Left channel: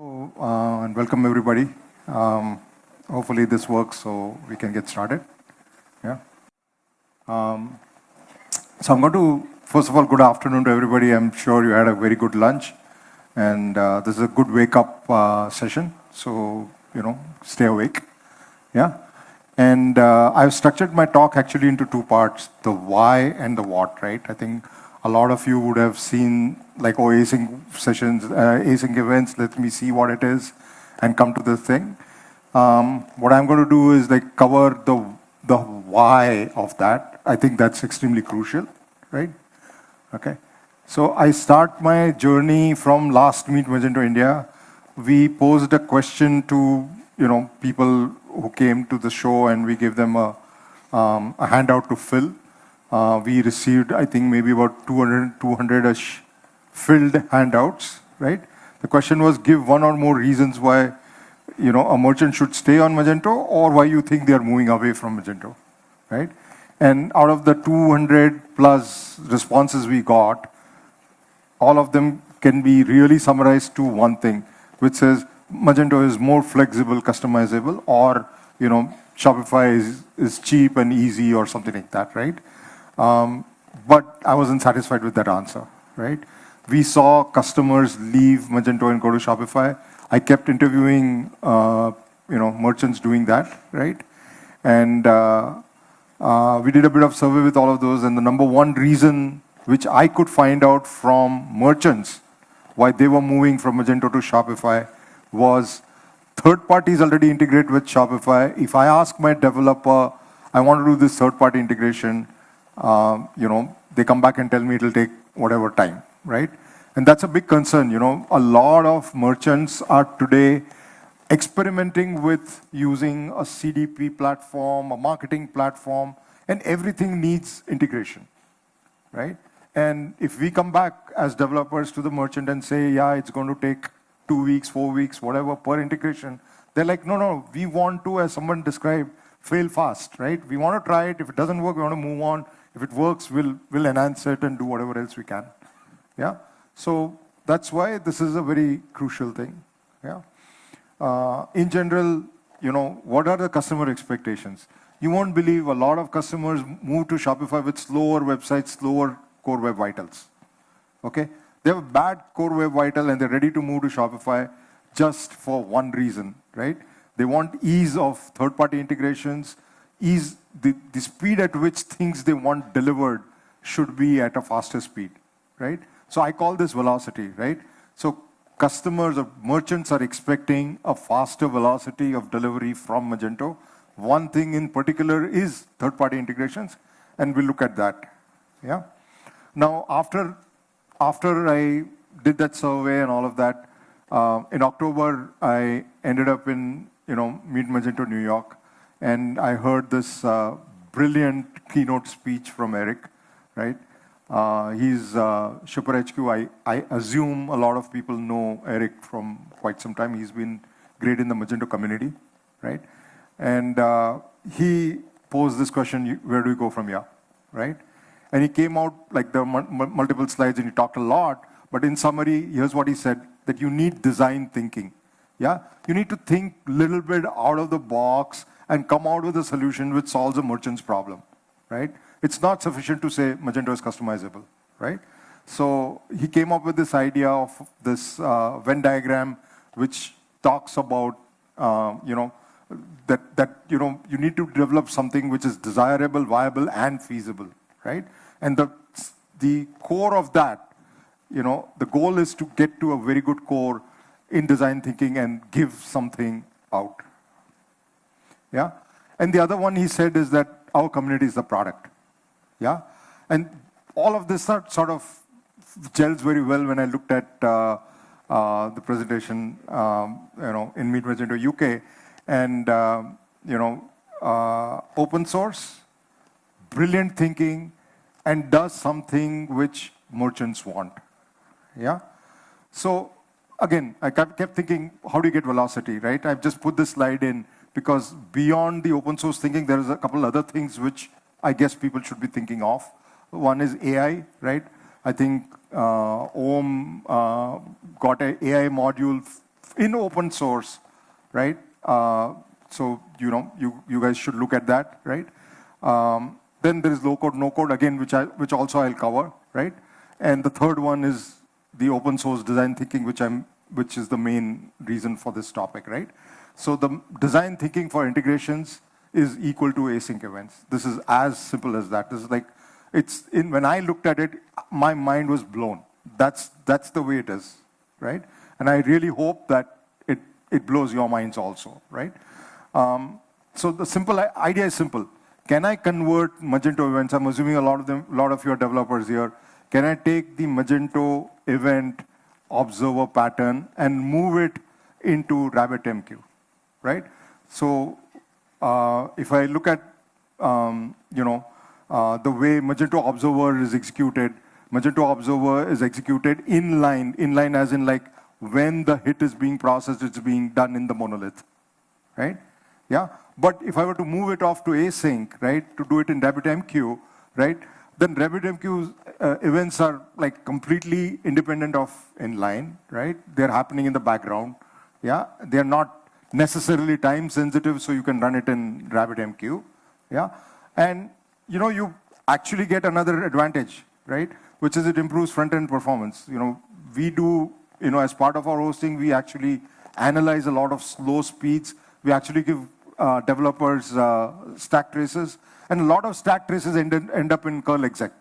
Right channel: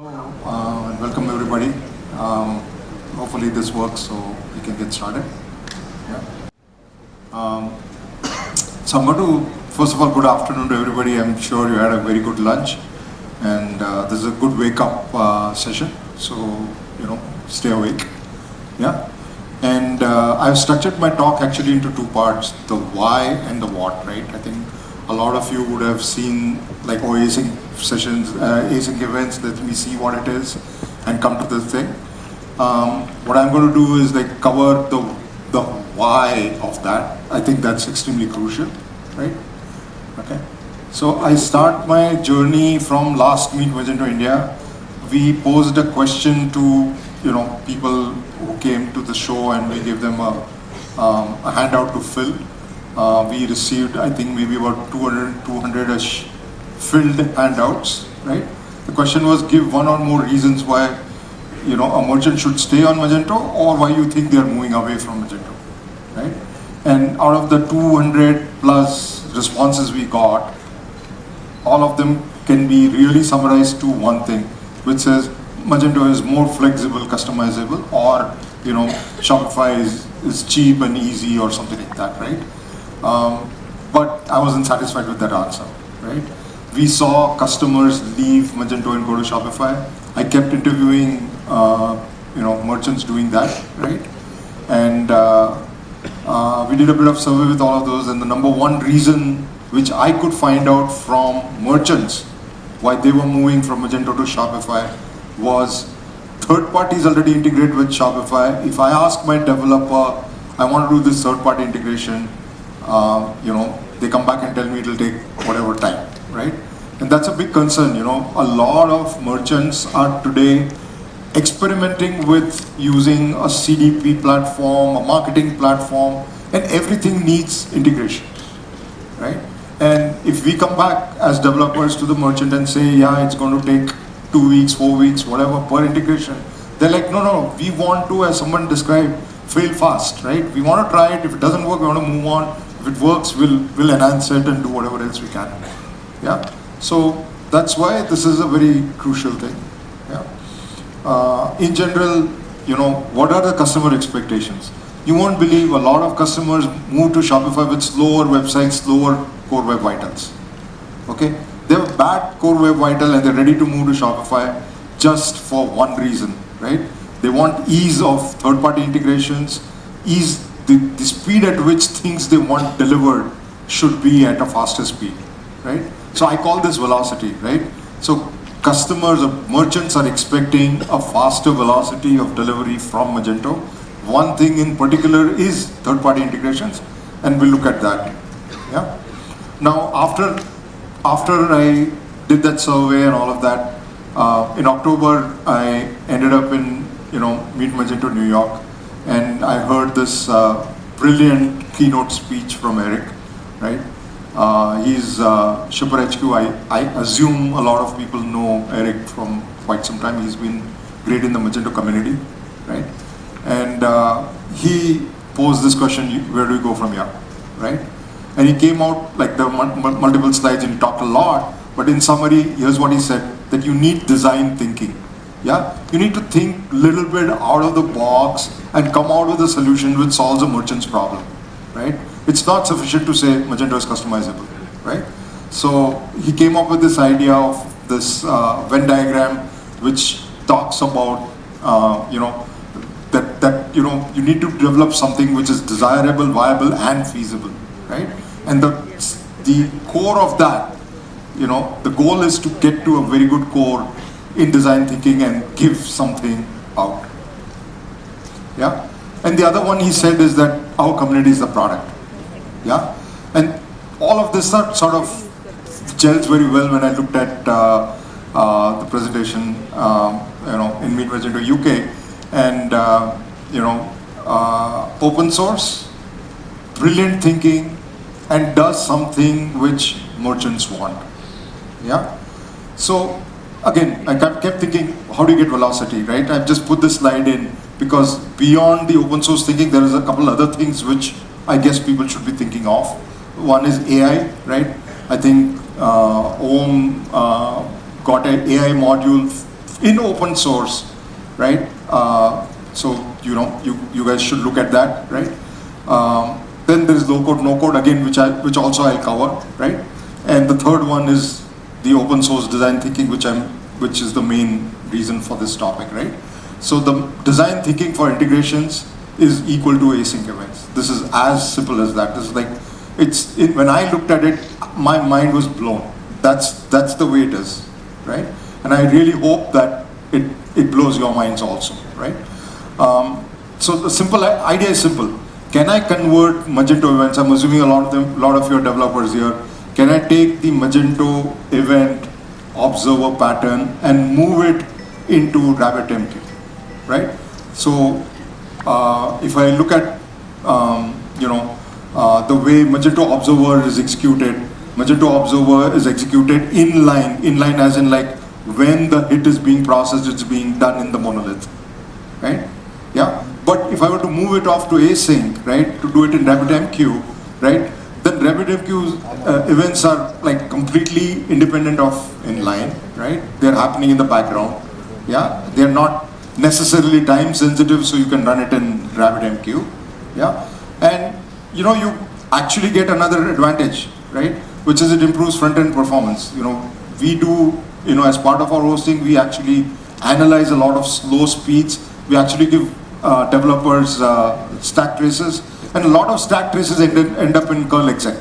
Welcome everybody. Hopefully this works so we can get started. Yeah. Um, so I'm going to, first of all, good afternoon to everybody. I'm sure you had a very good lunch and this is a good wake up session. So, stay awake. Yeah. And I've structured my talk actually into two parts, the why and the what, right? I think a lot of you would have seen like async sessions, async events, that we see what it is and come to this thing. What I'm going to do is like cover the why of that. I think that's extremely crucial, right? Okay. So I start my journey from last Meet Magento India. We posed a question to people who came to the show, and we gave them a handout to fill. We received, I think, maybe about 200-ish filled handouts, right? The question was, give one or more reasons why a merchant should stay on Magento, or why you think they are moving away from Magento, right? And out of the 200 plus responses we got, all of them can be really summarized to one thing, which says Magento is more flexible, customizable, or Shopify is cheap and easy, or something like that, right? But I wasn't satisfied with that answer, right? We saw customers leave Magento and go to Shopify. I kept interviewing, merchants doing that, right? And we did a bit of survey with all of those, and the number one reason which I could find out from merchants why they were moving from Magento to Shopify was third parties already integrated with Shopify. If I ask my developer, I want to do this third-party integration, they come back and tell me it'll take whatever time, right? And that's a big concern. A lot of merchants are today experimenting with using a CDP platform, a marketing platform, and everything needs integration, right? And if we come back as developers to the merchant and say, yeah, it's going to take 2 weeks, 4 weeks, whatever, per integration, they're like, no, we want to, as someone described, fail fast, right? We want to try it. If it doesn't work, we want to move on. If it works, we'll enhance it and do whatever else we can. Yeah. So that's why this is a very crucial thing. Yeah. In general, what are the customer expectations? You won't believe a lot of customers move to Shopify with slower websites, slower core web vitals. Okay? They have bad core web vital and they're ready to move to Shopify just for one reason, right? They want ease of third-party integrations, ease, the speed at which things they want delivered should be at a faster speed, right? So I call this velocity, right? So customers or merchants are expecting a faster velocity of delivery from Magento. One thing in particular is third-party integrations, and we'll look at that. Yeah. Now, after I did that survey and all of that, in October I ended up in Meet Magento New York, and I heard this brilliant keynote speech from Eric, right? He's Shipper HQ. I assume a lot of people know Eric from quite some time. He's been great in the Magento community, right? And he posed this question, where do we go from here, right? And he came out, like there were multiple slides and talked a lot, but in summary, here's what he said, that you need design thinking. Yeah? You need to think a little bit out of the box and come out with a solution which solves a merchant's problem, right? It's not sufficient to say Magento is customizable, right? So he came up with this idea of this Venn diagram which talks about, that you need to develop something which is desirable, viable, and feasible, right? And the core of that, the goal is to get to a very good core in design thinking and give something out. Yeah? And the other one he said is that our community is the product. Yeah? And all of this sort of gels very well when I looked at the presentation, in Meet Magento UK. And, open source, brilliant thinking, and does something which merchants want. Yeah? So, again, I kept thinking, how do you get velocity, right? I've just put this slide in because beyond the open source thinking, there is a couple other things which I guess people should be thinking of. One is AI, right? I think Om got an AI module in open source, right? So you guys should look at that, right? Then there is low code, no code again, which also I'll cover, right? And the third one is the open source design thinking, which is the main reason for this topic, right? So the design thinking for integrations is equal to async events. This is as simple as that. It's like when I looked at it, my mind was blown. That's the way it is, right? And I really hope that it blows your minds also, right? So the simple idea is simple. Can I convert Magento events? I'm assuming a lot of your developers here. Can I take the Magento event observer pattern and move it into RabbitMQ, right? So if I look at the way Magento observer is executed, Magento observer is executed inline as in like when the hit is being processed, it's being done in the monolith, right? Yeah. But if I were to move it off to async, right, to do it in RabbitMQ, right, then RabbitMQ's events are like completely independent of inline, right? They're happening in the background. Yeah, they're not necessarily time sensitive, so you can run it in RabbitMQ. Yeah, and you actually get another advantage, right? Which is it improves front-end performance. We do, as part of our hosting, we actually analyze a lot of slow speeds. We actually give developers stack traces, and a lot of stack traces end up in curl exec,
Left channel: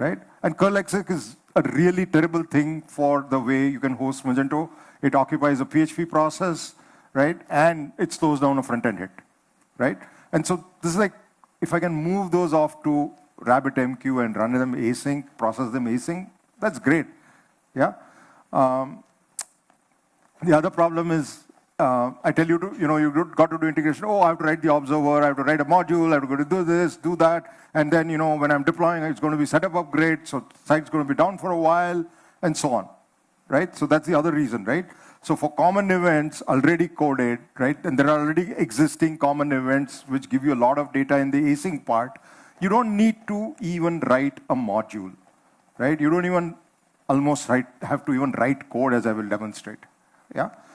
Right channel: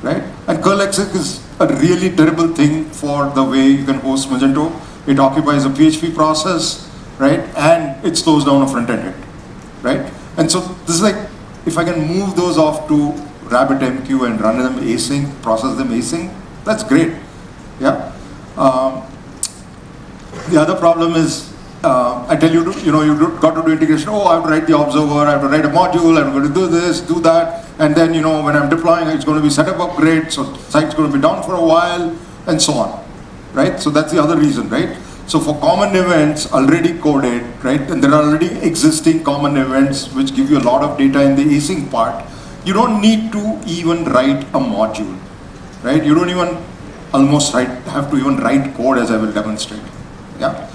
right? And curl exec is a really terrible thing for the way you can host Magento. It occupies a PHP process, right? And it slows down a front-end hit, right? And so this is like, if I can move those off to RabbitMQ and run them async, process them async, that's great, yeah? The other problem is, I tell you, you've got to do integration. Oh, I have to write the observer, I have to write a module, I'm going to do this, do that, and then, when I'm deploying, it's going to be setup upgrade, so site's going to be down for a while, and so on, right? So that's the other reason, right? So for common events already coded, right, and there are already existing common events which give you a lot of data in the async part, you don't need to even write a module, right? You don't even have to even write code, as I will demonstrate, yeah?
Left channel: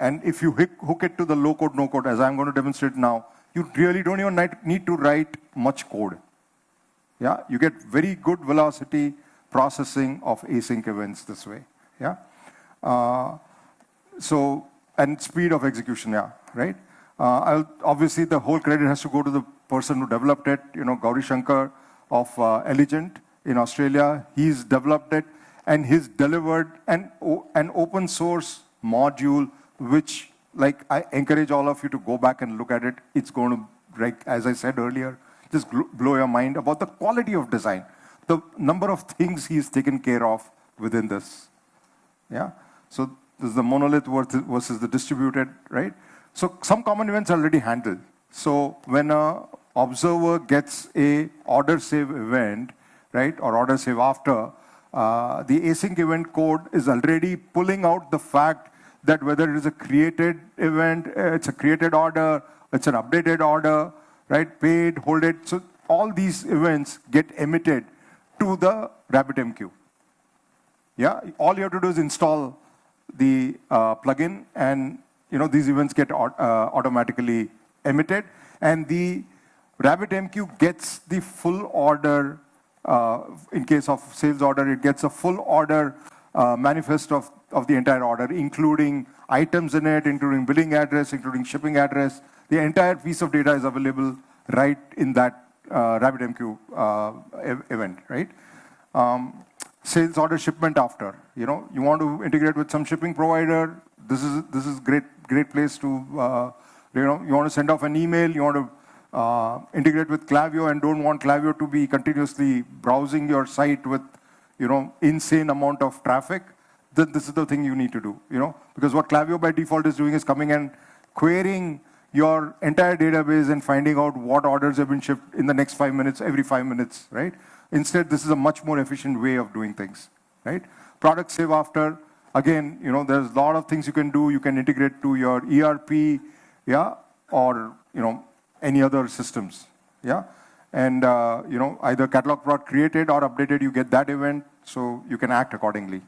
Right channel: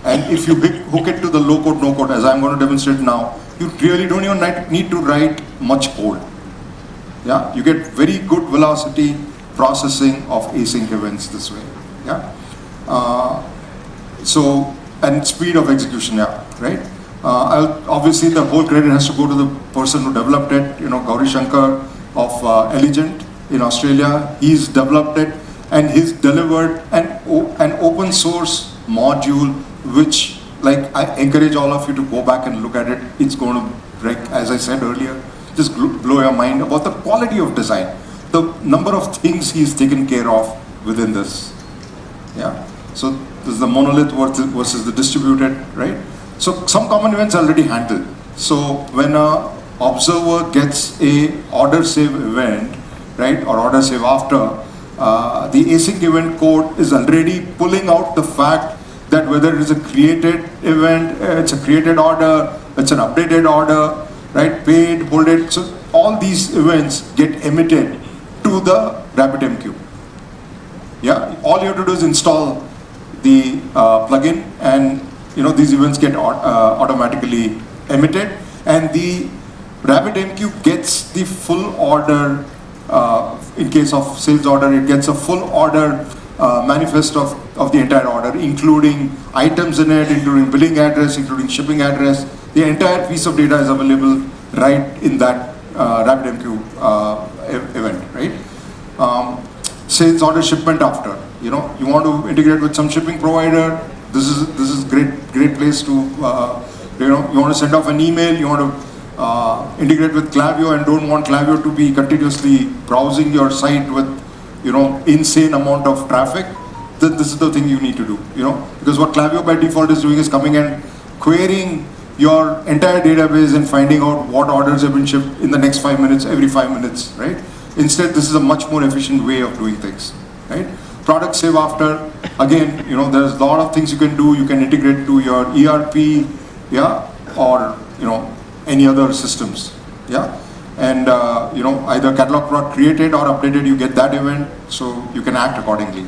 And if you hook it to the low code, no code, as I'm going to demonstrate now, you really don't even need to write much code. Yeah, you get very good velocity processing of async events this way. Yeah, and speed of execution. Yeah, right. Obviously, the whole credit has to go to the person who developed it. Gaurav Shankar of Elegant in Australia, he's developed it. And he's delivered an open source module, which, like, I encourage all of you to go back and look at it. It's going to, like, as I said earlier, just blow your mind about the quality of design, the number of things he's taken care of within this. Yeah. So this is the monolith versus the distributed, right? So some common events are already handled. So when a observer gets a order save event, right, or order save after, the async event code is already pulling out the fact that whether it is a created event, it's a created order, it's an updated order, right, paid, bolded. So all these events get emitted to the RabbitMQ. Yeah, all you have to do is install the plugin, and these events get automatically emitted, and the RabbitMQ gets the full order. In case of sales order, it gets a full order manifest of the entire order, including items in it, including billing address, including shipping address. The entire piece of data is available right in that RabbitMQ event, right? Sales order shipment after. You want to integrate with some shipping provider. This is great place to you want to send off an email. You want to integrate with Klaviyo and don't want Klaviyo to be continuously browsing your site with, insane amount of traffic. This is the thing you need to do, because what Klaviyo by default is doing is coming and querying your entire database and finding out what orders have been shipped in the next 5 minutes, every 5 minutes, right? Instead, this is a much more efficient way of doing things, right? Product save after, again, there's a lot of things you can do. You can integrate to your ERP, yeah, or, any other systems, yeah? And, either catalog product created or updated, you get that event, so you can act accordingly.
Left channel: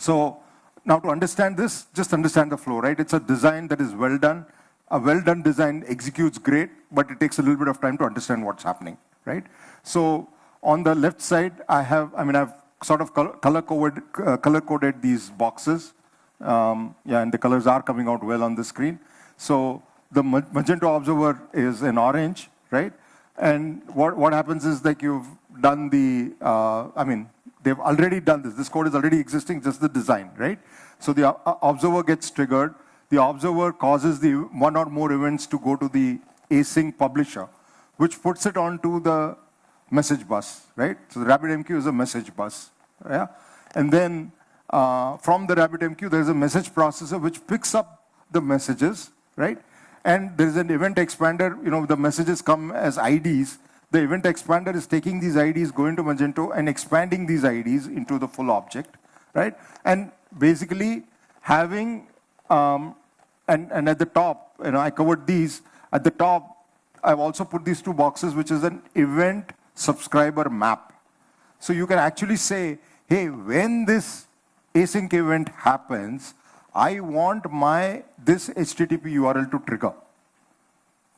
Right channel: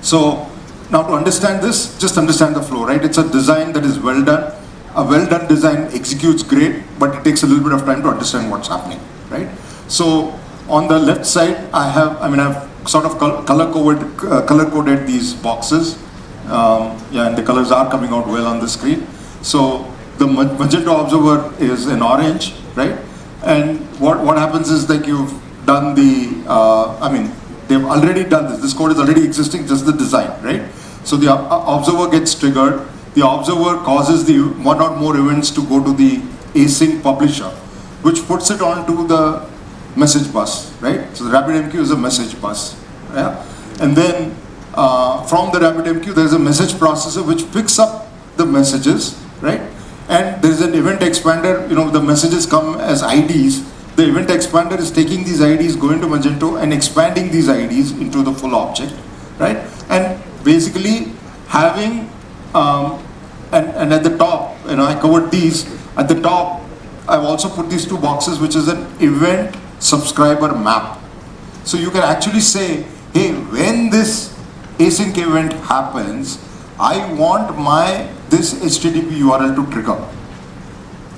So, Now to understand this, just understand the flow, right? It's a design that is well done. A well done design executes great, but it takes a little bit of time to understand what's happening, right? So on the left side, I've sort of color coded these boxes, and the colors are coming out well on the screen. So the Magento observer is in orange, right? And what happens is that you've done they've already done this. This code is already existing, just the design, right? So the observer gets triggered. The observer causes the one or more events to go to the async publisher, which puts it onto the message bus, right? So RabbitMQ is a message bus, yeah? And then from the RabbitMQ, there's a message processor which picks up the messages, right? And there's an event expander, the messages come as IDs. The event expander is taking these IDs, going to Magento and expanding these IDs into the full object, right? And basically having, and at the top, I covered these, at the top, I've also put these two boxes, which is an event subscriber map. So you can actually say, hey, when this async event happens, I want this HTTP URL to trigger.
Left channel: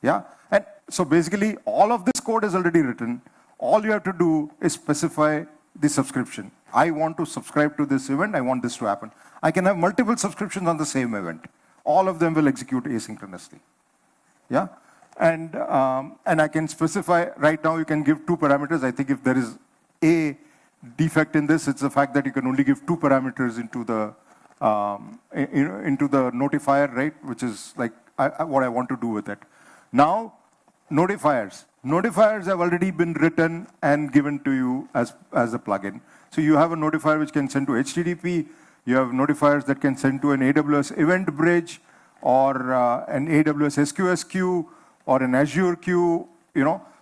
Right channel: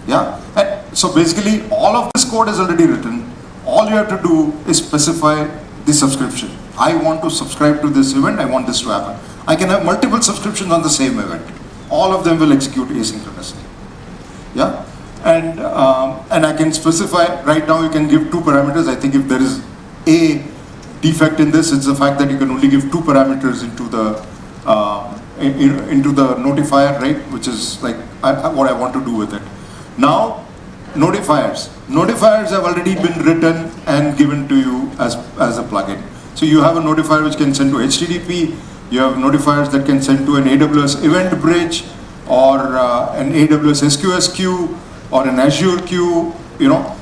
Yeah? And so basically, all of this code is already written. All you have to do is specify the subscription. I want to subscribe to this event, I want this to happen. I can have multiple subscriptions on the same event. All of them will execute asynchronously. Yeah? And I can specify, right now you can give two parameters. I think if there is a defect in this, it's the fact that you can only give two parameters into the notifier, right? Which is like what I want to do with it. Now, notifiers. Notifiers have already been written and given to you as a plugin. So you have a notifier which can send to HTTP. You have notifiers that can send to an AWS event bridge, or an AWS SQS queue, or an Azure queue,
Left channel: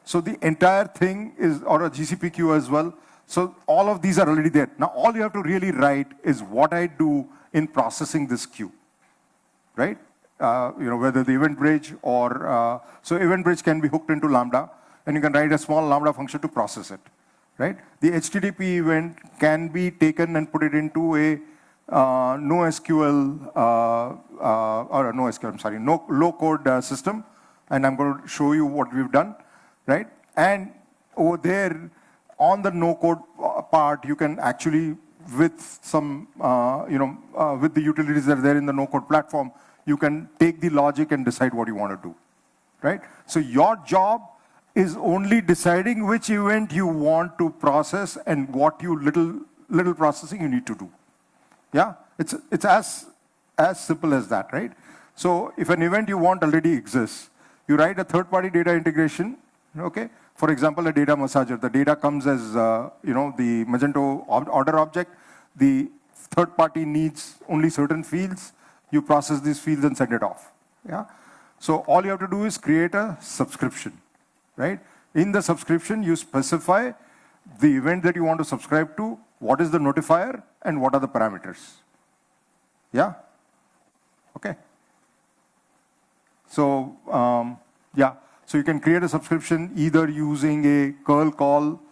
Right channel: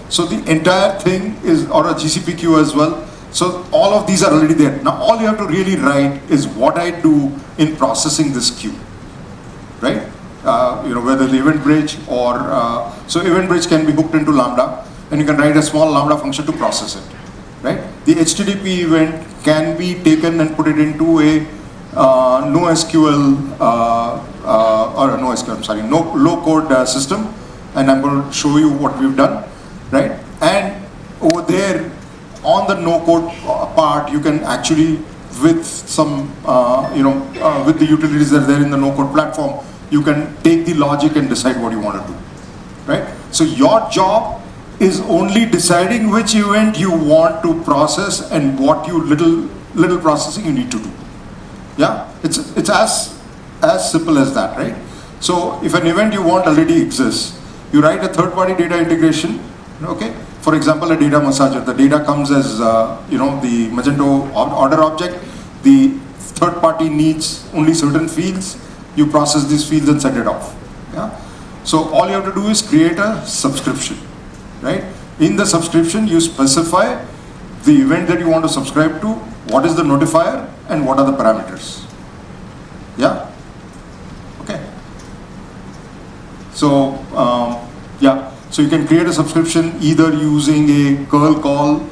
So the entire thing is, or a GCP queue as well. So all of these are already there. Now all you have to really write is what I do in processing this queue, right? Whether the event bridge or, so event bridge can be hooked into Lambda, and you can write a small Lambda function to process it, right? The HTTP event can be taken and put it into a low code system, and I'm going to show you what we've done, right? And over there, on the no-code part, you can actually, with some, with the utilities that are there in the no-code platform, you can take the logic and decide what you want to do, right? So your job is only deciding which event you want to process and what little processing you need to do. Yeah, it's as simple as that, right? So if an event you want already exists, you write a third-party data integration, okay? For example, a data massager. The data comes as, the Magento order object. The third party needs only certain fields. You process these fields and set it off. Yeah? So all you have to do is create a subscription, right? In the subscription, you specify the event that you want to subscribe to, what is the notifier, and what are the parameters. Yeah? Okay. So, So you can create a subscription either using a curl call,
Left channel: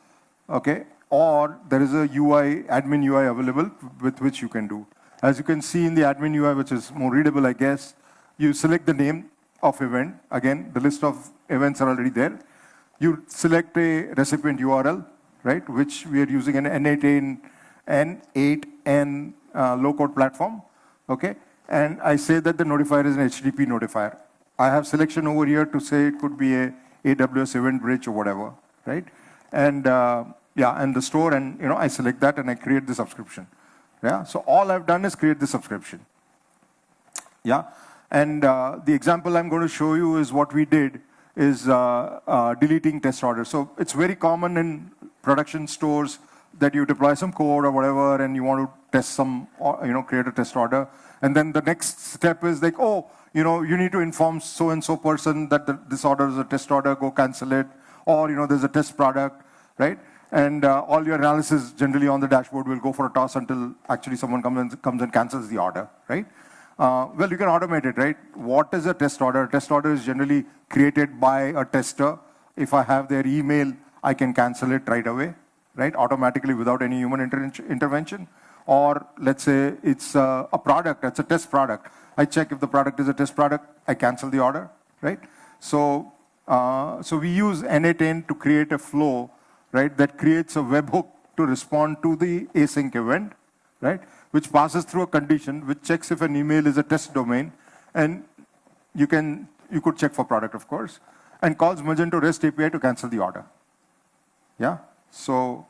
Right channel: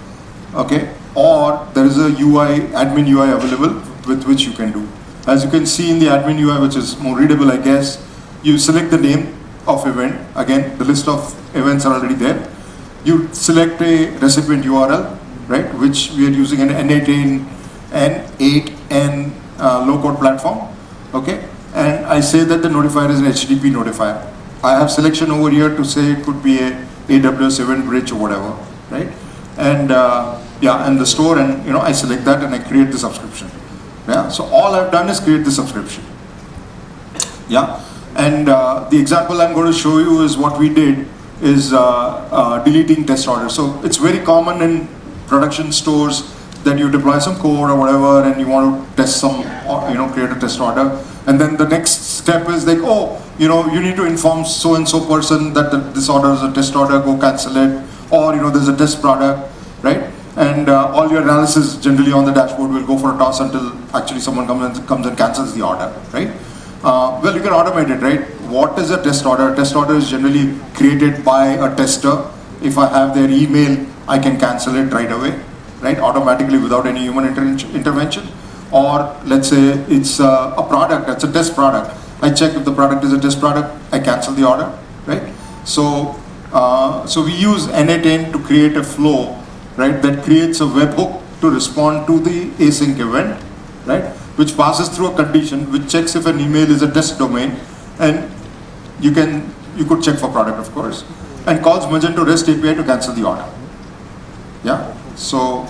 okay, or there is a admin UI available with which you can do. As you can see in the admin UI, which is more readable, I guess, you select the name of event. Again, the list of events are already there. You select a recipient URL, right, which we are using an N8N low-code platform, okay, and I say that the notifier is an HTTP notifier. I have selection over here to say it could be a AWS event bridge or whatever, right? And and the store, and I select that and I create the subscription. Yeah. So all I've done is create the subscription. Yeah. And the example I'm going to show you is what we did is deleting test orders. So it's very common in production stores that you deploy some code or whatever, and you want to test some, create a test order. And then the next step is like, you need to inform so-and-so person that this order is a test order, go cancel it. Or, there's a test product, right? And all your analysis generally on the dashboard will go for a toss until actually someone comes and cancels the order, right? Well, you can automate it, right? What is a test order? A test order is generally created by a tester. If I have their email, I can cancel it right away, right? Automatically without any human intervention. or let's say it's a product, it's a test product. I check if the product is a test product, I cancel the order, right? So, so we use n8n to create a flow, right, that creates a webhook to respond to the async event, right, which passes through a condition, which checks if an email is a test domain, and you could check for product, of course, and calls Magento REST API to cancel the order. Yeah. So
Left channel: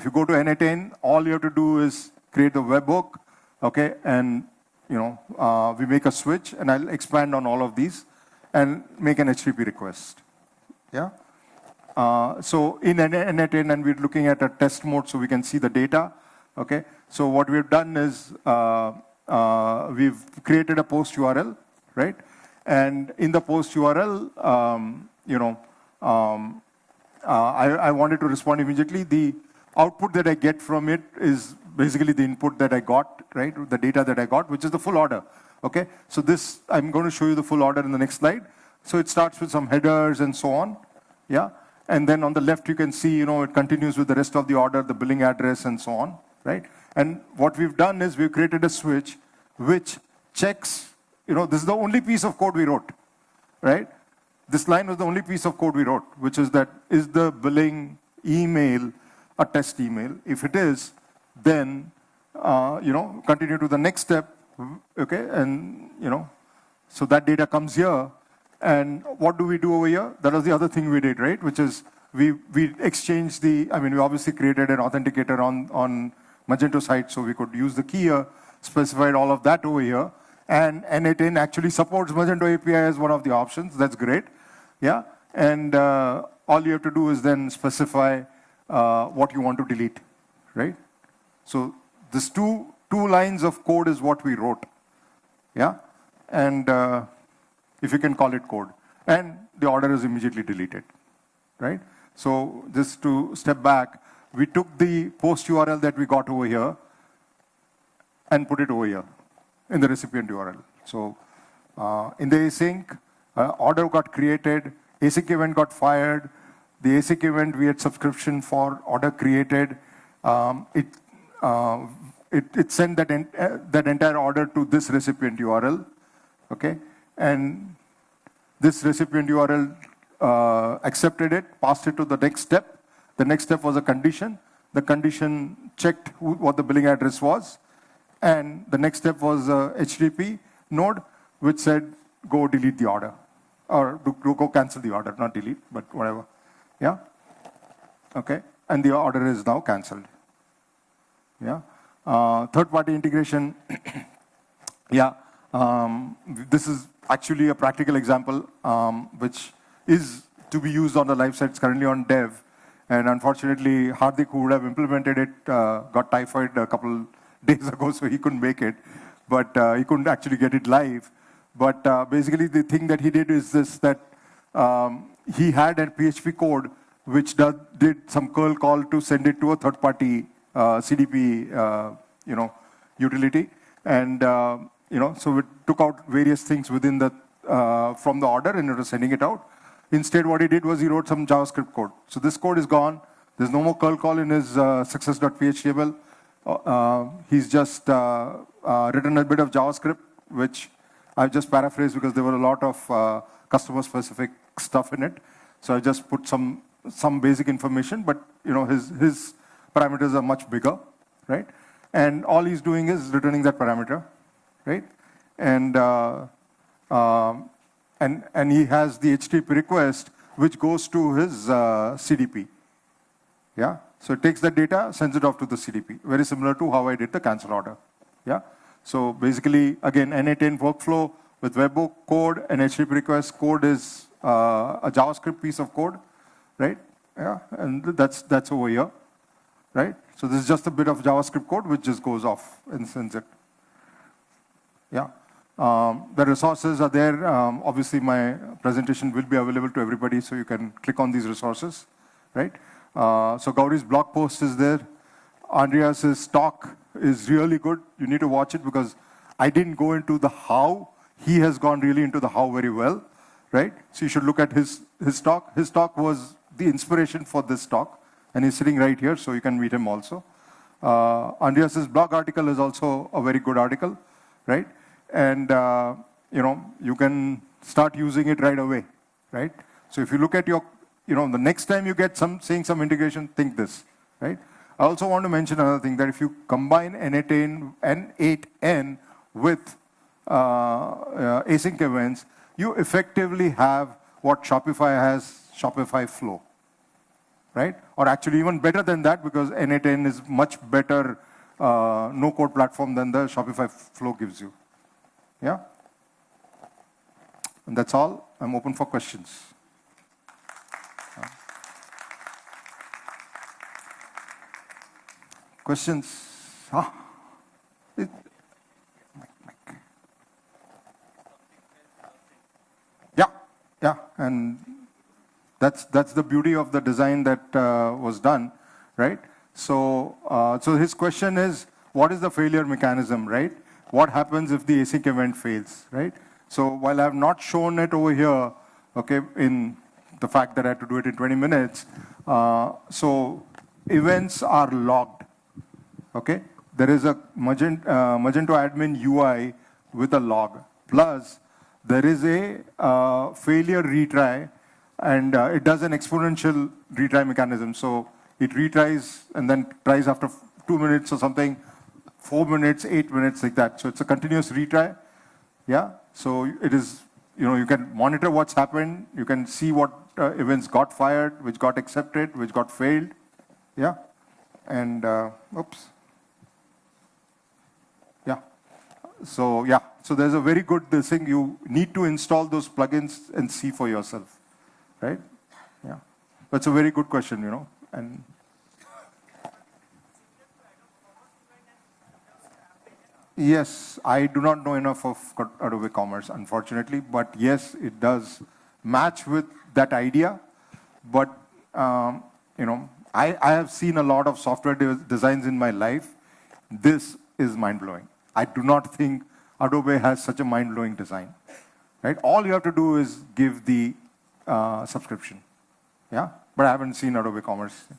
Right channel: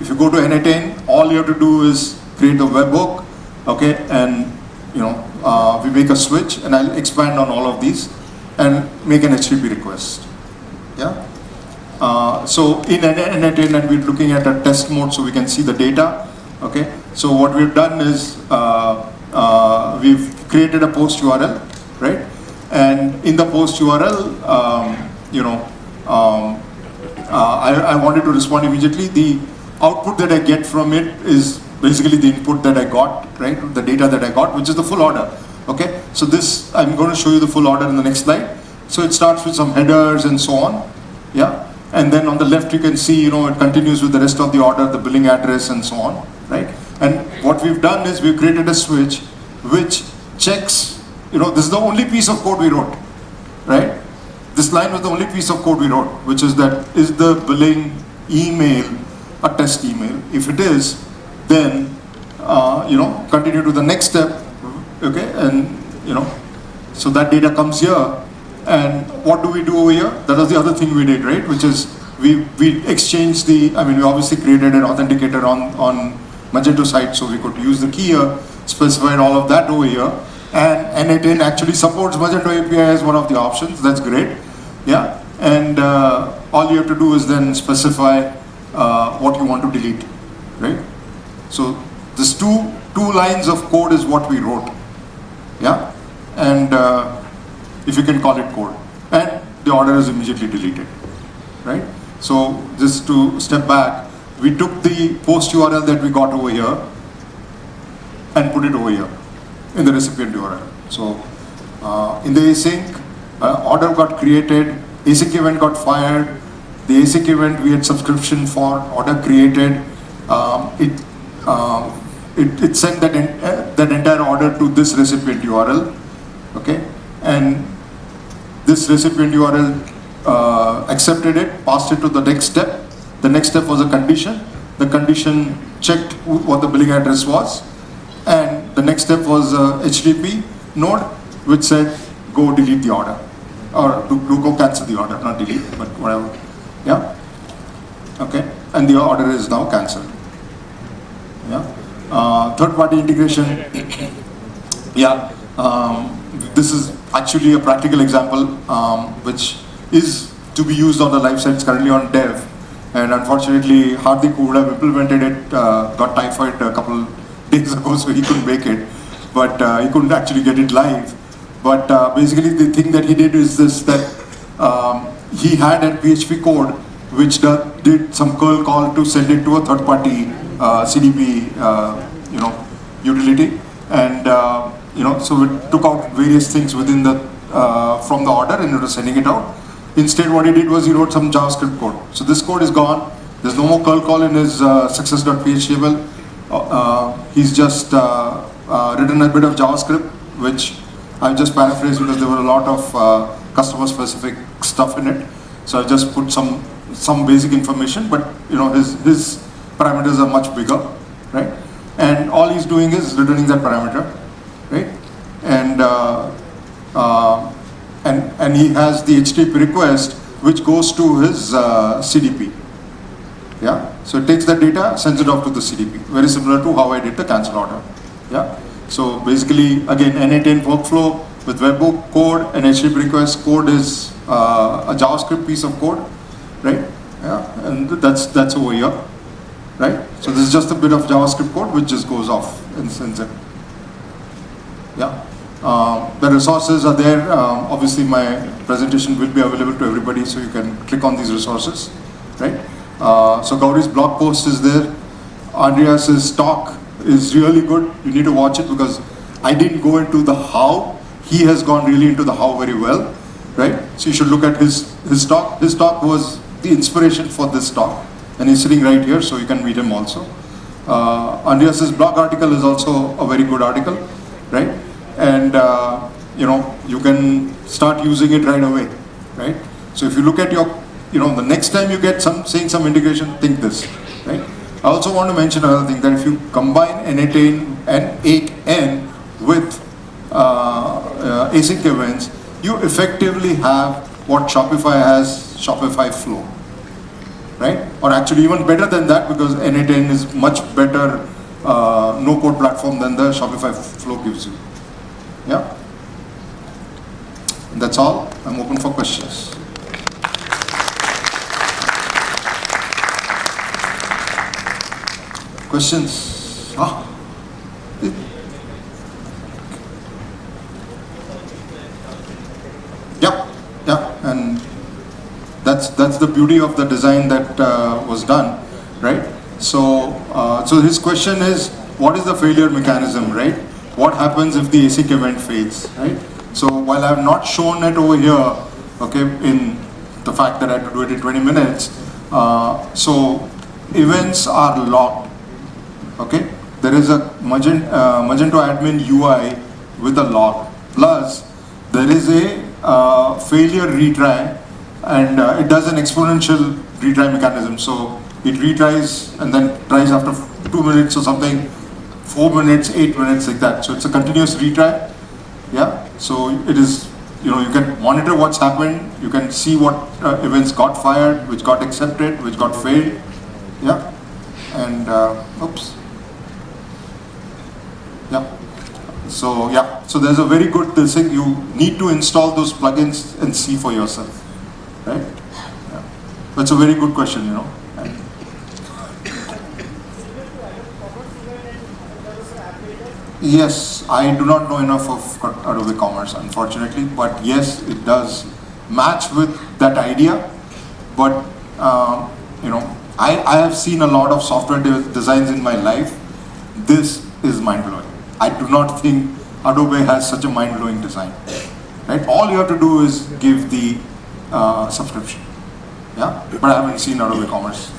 if you go to n8n, all you have to do is create the webhook, okay, and we make a switch, and I'll expand on all of these, and make an HTTP request. Yeah. So in n8n, and we're looking at a test mode, so we can see the data. Okay. So what we've done is we've created a post URL, right? And in the post URL, I wanted to respond immediately. The output that I get from it is basically the input that I got, right? The data that I got, which is the full order. Okay. So this, I'm going to show you the full order in the next slide. So it starts with some headers and so on. Yeah. And then on the left, you can see, it continues with the rest of the order, the billing address and so on, right? And what we've done is we've created a switch which checks, this is the only piece of code we wrote, right? This line was the only piece of code we wrote, which is that, is the billing email a test email? If it is, then, continue to the next step, okay? And, so that data comes here. And what do we do over here? That was the other thing we did, right? Which is we exchanged we obviously created an authenticator on Magento side, so we could use the key here, specified all of that over here. And n8n actually supports Magento API as one of the options. That's great. Yeah. And all you have to do is then specify what you want to delete, right? So this two lines of code is what we wrote. Yeah. And if you can call it code, and the order is immediately deleted, right? So just to step back, we took the post URL that we got over here and put it over here in the recipient URL. So in the async, order got created, async event got fired, the async event we had subscription for, order created, it sent that entire order to this recipient URL, okay? And this recipient URL accepted it, passed it to the next step. The next step was a condition. The condition checked what the billing address was. And the next step was a HTTP node, which said, go delete the order. Or go cancel the order, not delete, but whatever. Yeah? Okay? And the order is now cancelled. Yeah? Third-party integration. Yeah. This is actually a practical example, which is to be used on the live site currently on dev. And unfortunately, Hardik would have implemented it, got typhoid a couple days ago, so he couldn't make it. But he couldn't actually get it live. But basically, the thing that he did is this, that he had a PHP code which did some curl call to send it to a third-party CDP, utility. And so we took out various things within the from the order and it was sending it out. Instead, what he did was he wrote some JavaScript code. So this code is gone. There's no more curl call in his success.php. He's just written a bit of JavaScript, which I'll just paraphrase because there were a lot of customer-specific stuff in it. So I'll just put some basic information, but his parameters are much bigger, right? And all he's doing is returning that parameter, right? And he has the HTTP request which goes to his CDP. Yeah. So it takes that data, sends it off to the CDP. Very similar to how I did the cancel order. Yeah. So basically, again, n8n workflow with webhook code and HTTP request code is a JavaScript piece of code, right? Yeah. And that's over here. Right? So this is just a bit of JavaScript code which just goes off in zip. Yeah. The resources are there. Obviously, my presentation will be available to everybody, so you can click on these resources. Right? So Gauri's blog post is there. Andreas's talk is really good. You need to watch it because I didn't go into the how. He has gone really into the how very well. Right? So you should look at his talk. His talk was the inspiration for this talk. And he's sitting right here, so you can meet him also. Andreas's blog article is also a very good article, right? And you can start using it right away, right? So if you look at your, the next time you get seeing some integration, think this, right? I also want to mention another thing, that if you combine N8N with async events, you effectively have what Shopify has, Shopify Flow, right? Or actually even better than that, because N8N is much better no-code platform than the Shopify Flow gives you. Yeah? That's all. I'm open for questions. Questions? Huh? Yeah, and that's the beauty of the design that was done, right? So his question is, what is the failure mechanism, right? What happens if the async event fails, right? So while I have not shown it over here, okay, in the fact that I have to do it in 20 minutes, so events are locked, okay? There is a Magento admin UI with a lock, plus there is a failure retry, and it does an exponential retry mechanism. So it retries and then tries after 2 minutes or something, 4 minutes, 8 minutes, like that. So it's a continuous retry. Yeah. So it is, you can monitor what's happened. You can see what events got fired, which got accepted, which got failed. Yeah. And oops. Yeah. So there's a very good thing. You need to install those plugins and see for yourself, right? Yeah. That's a very good question, And yes, I do not know enough of Adobe Commerce, unfortunately, but yes, it does match with that idea. But I have seen a lot of software designs in my life. This is mind-blowing. I do not think Adobe has such a mind-blowing design. Right? All you have to do is give the subscription. Yeah, but I haven't seen Adobe Commerce.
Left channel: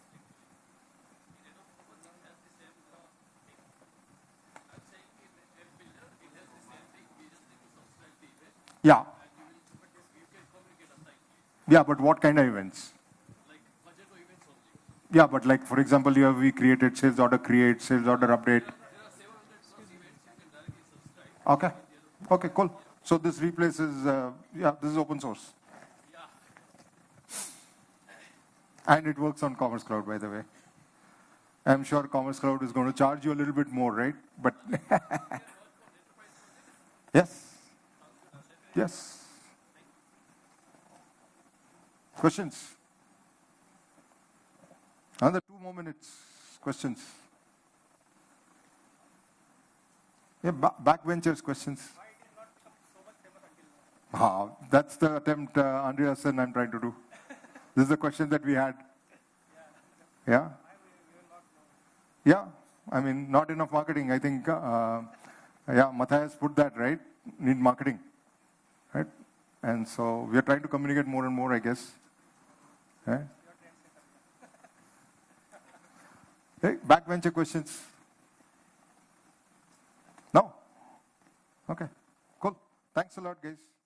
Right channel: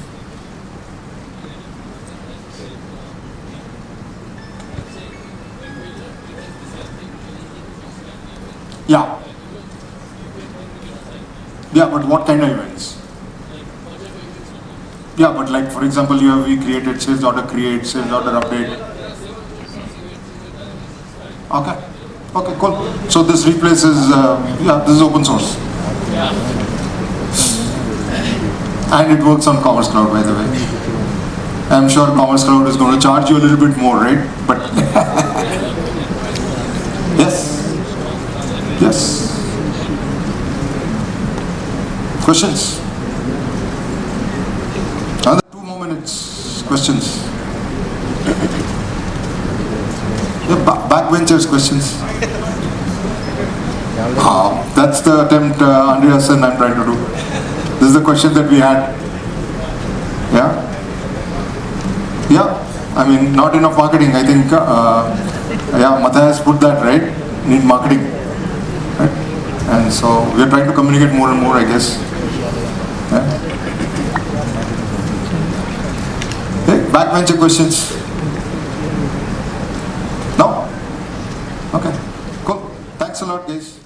Yeah. Yeah, but what kind of events? Yeah, but like for example, you have created sales order create, sales order update. Okay. Okay, cool. So this replaces, this is open source. Yeah. And it works on Commerce Cloud, by the way. I'm sure Commerce Cloud is going to charge you a little bit more, right? But yes. Yes. Questions? Another 2 more minutes. Questions? Backbenchers questions. That's the attempt Andreas and I'm trying to do. This is the question that we had. Yeah? Yeah. I mean, not enough marketing. I think, Matthias put that, right? Need marketing. Right? And so we are trying to communicate more and more, I guess. Yeah? Hey, backbencher questions. No? Okay, cool. Thanks a lot, guys.